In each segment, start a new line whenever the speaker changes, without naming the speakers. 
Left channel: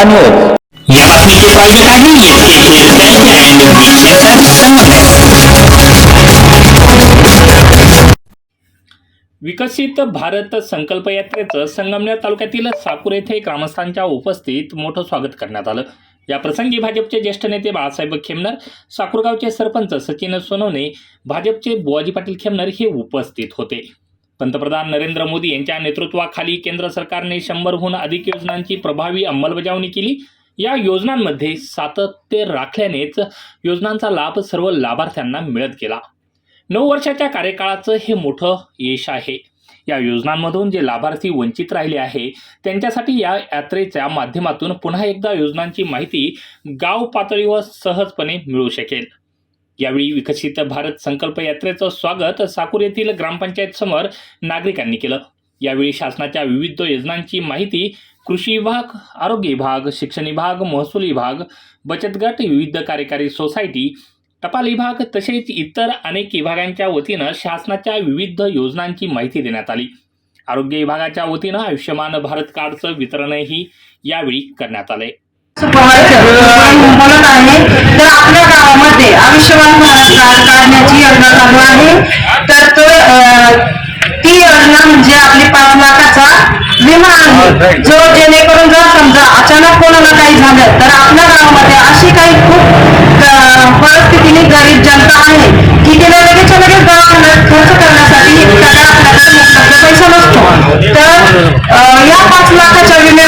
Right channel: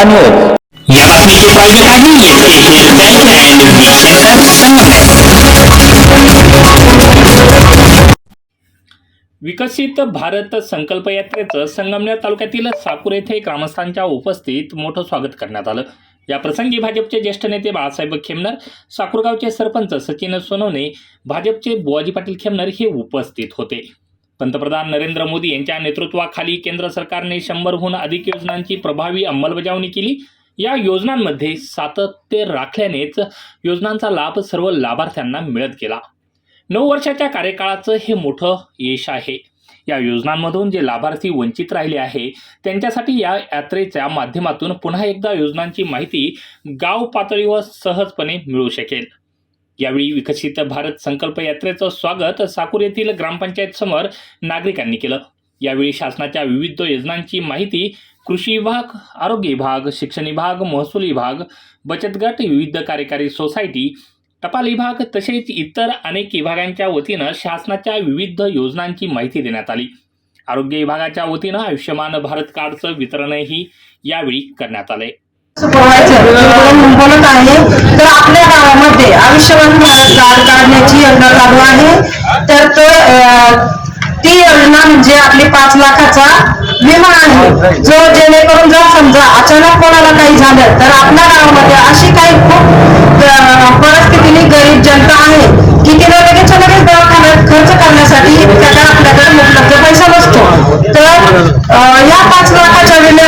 समाधानी
या बातमीचे प्रायोजक आहे सेंटर संगमनेर
विकसित भारत संकल्प यात्रेचं संगमनेर तालुक्यातील साकूर येथे ग्रामस्थांच्या उपस्थित मोठं स्वागत करण्यात आलं. या प्रसंगी भाजपचे ज्येष्ठ नेते बाळासाहेब खेमनर साकूरगावचे सरपंच सचिन सोनवणे भाजपचे बुवाजी पाटील खेमनर हे उपस्थित होते. पंतप्रधान नरेंद्र मोदी यांच्या नेतृत्वाखाली केंद्र सरकारने शंभरहून अधिक योजनांची प्रभावी अंमलबजावणी केली. या योजनांमध्ये सातत्य राखल्यानेच योजनांचा लाभ सर्व लाभार्थ्यांना मिळत गेला. नऊ वर्षाच्या कार्यकाळाचं हे मोठं यश आहे. या योजनांमधून जे लाभार्थी वंचित राहिले आहे त्यांच्यासाठी या यात्रेच्या माध्यमातून पुन्हा एकदा योजनांची माहिती गाव पातळीवर सहजपणे मिळू शकेल. यावेळी विकसित भारत संकल्प यात्रेचं स्वागत साकूर येथील ग्रामपंचायत समोर नागरिकांनी केलं. यावेळी शासनाच्या विविध योजनांची माहिती कृषी विभाग आरोग्य विभाग शिक्षण विभाग महसूल विभाग बचत गट विविध कार्यकारी सोसायटी टपाल विभाग तसेच इतर अनेक विभागांच्या वतीनं शासनाच्या विविध योजनांची माहिती देण्यात आली. आरोग्य विभागाच्या वतीनं आयुष्यमान भारत कार्डचं वितरणही यावेळी करण्यात आले
काढण्याची योजना चालू आहे. तर ती योजना म्हणजे आपली पाच लाखाचा विमा आहे. जो जेणेकरून जर समजा अचानक कोणाला काही झालं तर आपल्या गावामध्ये अशी काही खूप परिस्थितीने गरीब जनता आहे की तिला लगेच लगेच दवाखान्यात खर्च करण्यासाठी इतका काय आपल्याकडे पैसा नसतो. तर या पाच लाखाच्या विम्या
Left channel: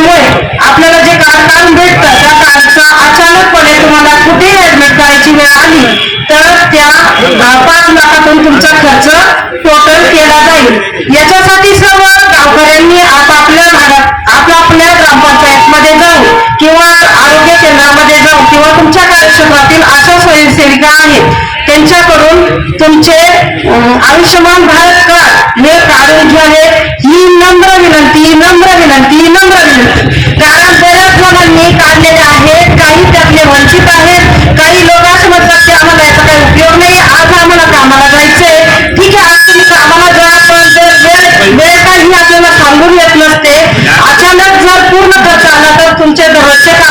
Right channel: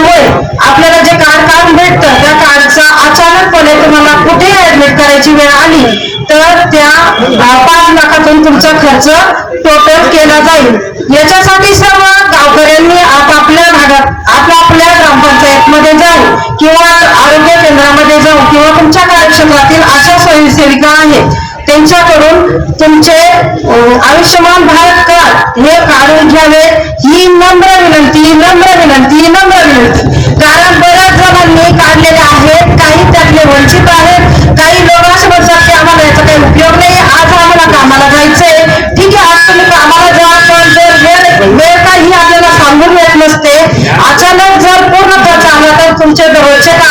दहा पाच लाखातून तुमचा खर्च टोटल केला जाईल. याच्यासाठी सर्व गावकऱ्यांनी आपापल्या भागात आपल्या आपल्या ग्रामपंचायतमध्ये जाऊन किंवा आरोग्य केंद्रामध्ये जाऊन किंवा तुमच्या कार्यक्षेत्रातील अशा स्वयंसेविका आहेत त्यांच्याकडून तुमचे आयुष्यमान भारत कार्ड हे काढून घ्यावे.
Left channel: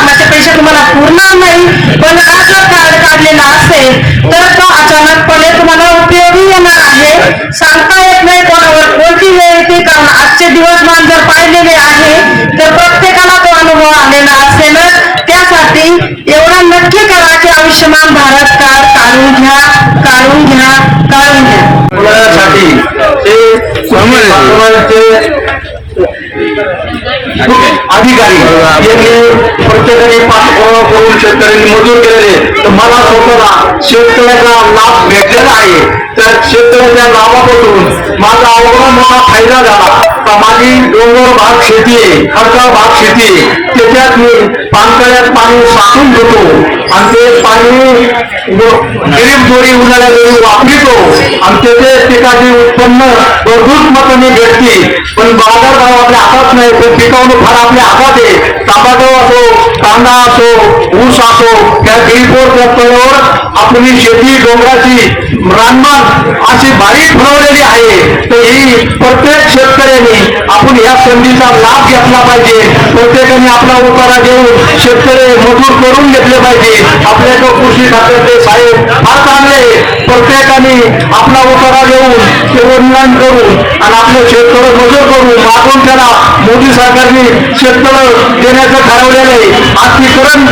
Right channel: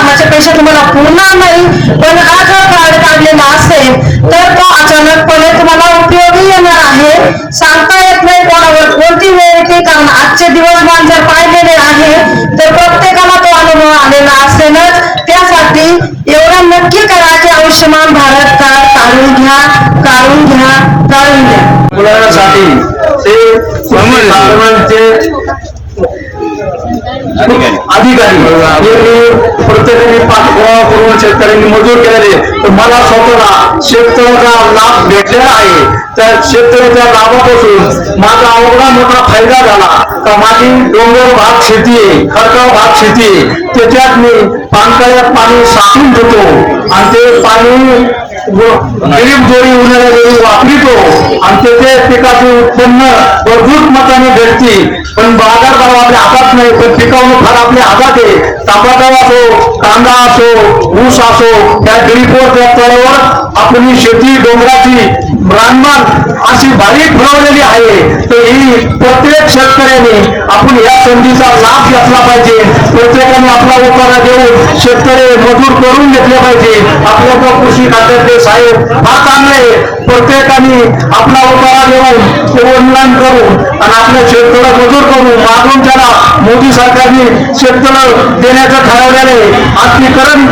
दररोजचे कामाचे पैसे तुम्हाला पूर्ण नाही पण हा जर कार्ड काढलेला असेल तर तो अचानकपणे तुम्हाला उपयोगी येणार आहे. सांगता येत नाही कोणावर कोणती वेळ येते कारण आजचे दिवसमान जर पाहिलेले आहे तर प्रत्येकाला तो अनुभव आलेला असेलच. त्यासाठी एवढं नक्की करा की आयुष्यमान भारत कार्ड काढून घ्या काढून घ्या काढून घ्या.
अधिकारी यांनी प्रत्येकाने गोळा करून शेतकऱ्यांनी मजूर केलेले तर मला स्वतःला शेतकऱ्याचा लाभ भेटलेला आहे. त्या शेतकऱ्याच्या लाभापासून माझा अवघडा मोठा फायदा झाला. तर माझी डोंगर भाग शेती आहे खडकाळ भाग शेती आहे. त्याच्यात मी पानकळ्यात पाणी साठून घेतो आणि ते पाणी गरीब दोरी उन्हाळ्या दोरी वापरितो आणि त्याचे पिकाचे उत्पन्न भरपूर मताने भेटते पण बाजार भाव आपल्या हातात नाही पण पिकवणं फार आपल्या हातात आहे. टमाटो असो कांदा असो ऊस असो या गिरीपोर रस्त्यावर आपली शेती डोंगराची रानमान अशी बारीक फळवलेली आहे. तर ही प्रत्येक शेतकऱ्याने आपण या संधीचा लाभ घेतला पाहिजे. प्रत्येकाने आपला उतारा देऊन शेतकरी मजूर करून घेतले पाहिजे. आपल्याकडे कृषी खात्याचे साहेब फार चांगले प्रत्येकाने आपला उतारा देऊन ते ऑनलाईन करून आणि आपल्या शेतकरी मजूर करून मागून त्याला मोदी सरकारने शेतकऱ्या देण्याचं ठरवलेलं आहे. आत्मीकरण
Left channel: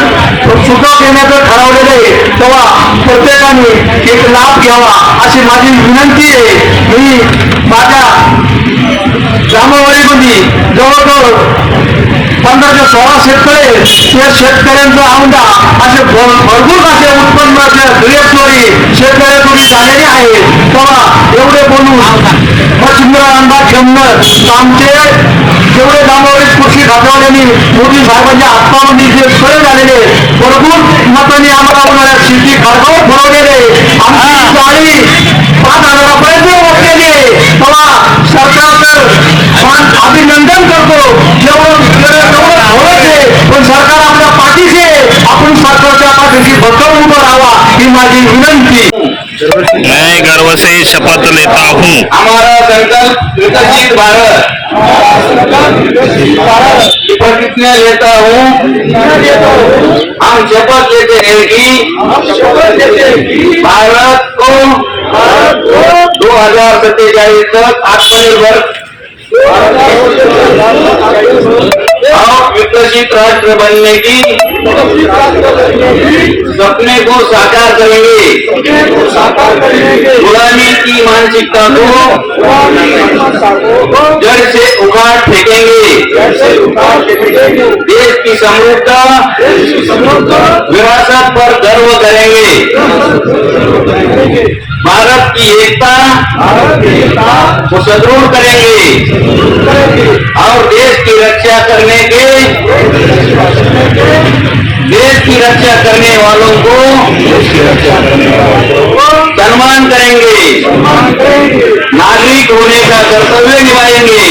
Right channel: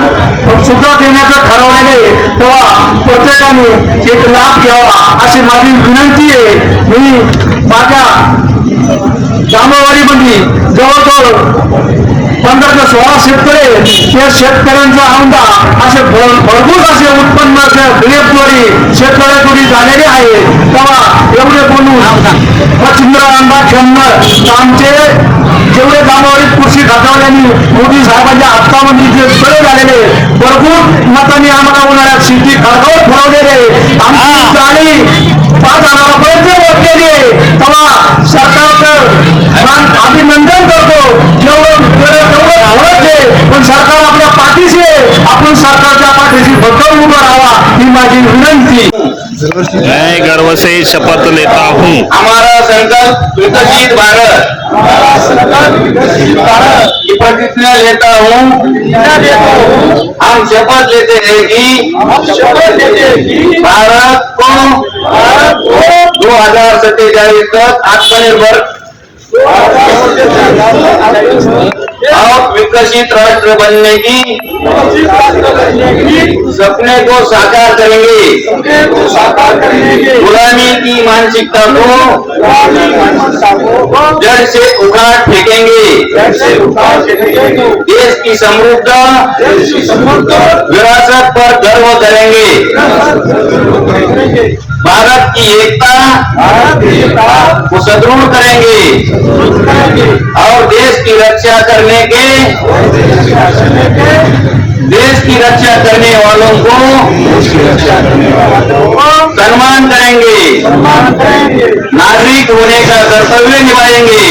सुद्धा देण्याचं ठरवलेलं आहे. तेव्हा प्रत्येकाने एक लाभ घ्यावा अशी माझी विनंती आहे. मी माझ्या जामावाडीमध्ये जवळजवळ पंधरा ते सोळा शेतकरी त्या शेतकऱ्यांचा अंडा असे भरपूर असे उत्पन्न गिरेपद्वारे शेतकऱ्या तुम्ही झालेले आहेत तेव्हा एवढे बोलून मच्छिंद्र अंडा क्षमणं आमचे जेवढे जामावडीत कृषी खात्यावाल्यांनी मोदी साहेबांच्या हातामध्ये जे सोय झालेले भरपूर मतांनी आम्हाला उन्हाळ्यात शेती खडकावर फरवलेले आमची जाळी पाच हजारापर्यंत वाटलेली आहे तेव्हा सरकारचं मान माझी विनंती.
मैं गर्व से शपथ लेता हूँ।
हमारा संकल्प विकसित भारत. की प्रतिज्ञा लेता हूँ. हम शपथ लेते हैं कि भारत को दो हजार सत्तेचाळीस तक आत्मनिर्भर और विकसित राष्ट्र बनने की सपने को साकार करेंगे। गुलामी की मानसिकता को जड़ से उखाड़ फेंकेंगे। देश की समृद्ध विरासत पर गर्व करेंगे। भारत की एकता को सुदृढ़ करेंगे। और देश की रक्षा करने के देश की रक्षा करने वालों को सम्मान करेंगे। नागरिक होने का कर्तव्य निभाएँगे।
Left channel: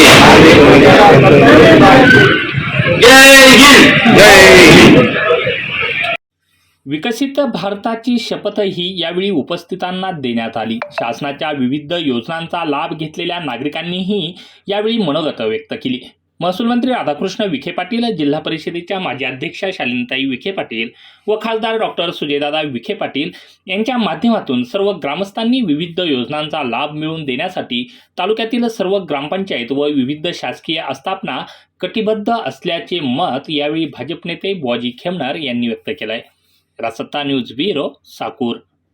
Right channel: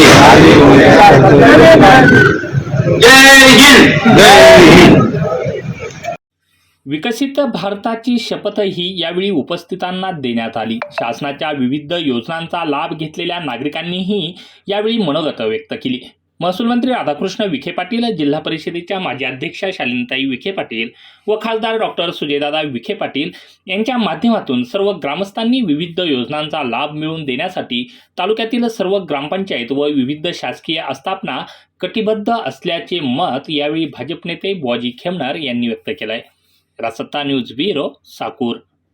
विकसित भारताची शपथही यावेळी उपस्थितांना देण्यात आली. शासनाच्या विविध योजनांचा लाभ घेतलेल्या नागरिकांनीही यावेळी मनोगत व्यक्त केली. महसूल मंत्री राधाकृष्ण विखे पाटील जिल्हा परिषदेच्या माजी अध्यक्षा शालिनताई विखे पाटील व खासदार डॉक्टर सुजयदादा विखे पाटील यांच्या माध्यमातून सर्व ग्रामस्थांनी विविध योजनांचा लाभ मिळवून देण्यासाठी तालुक्यातील सर्व ग्रामपंचायत व विविध शासकीय आस्थापना कटिबद्ध असल्याचे मत यावेळी भाजप नेते बॉजी खेमणार यांनी व्यक्त केलं आहे रासत्ता न्यूज ब्युरो साकूर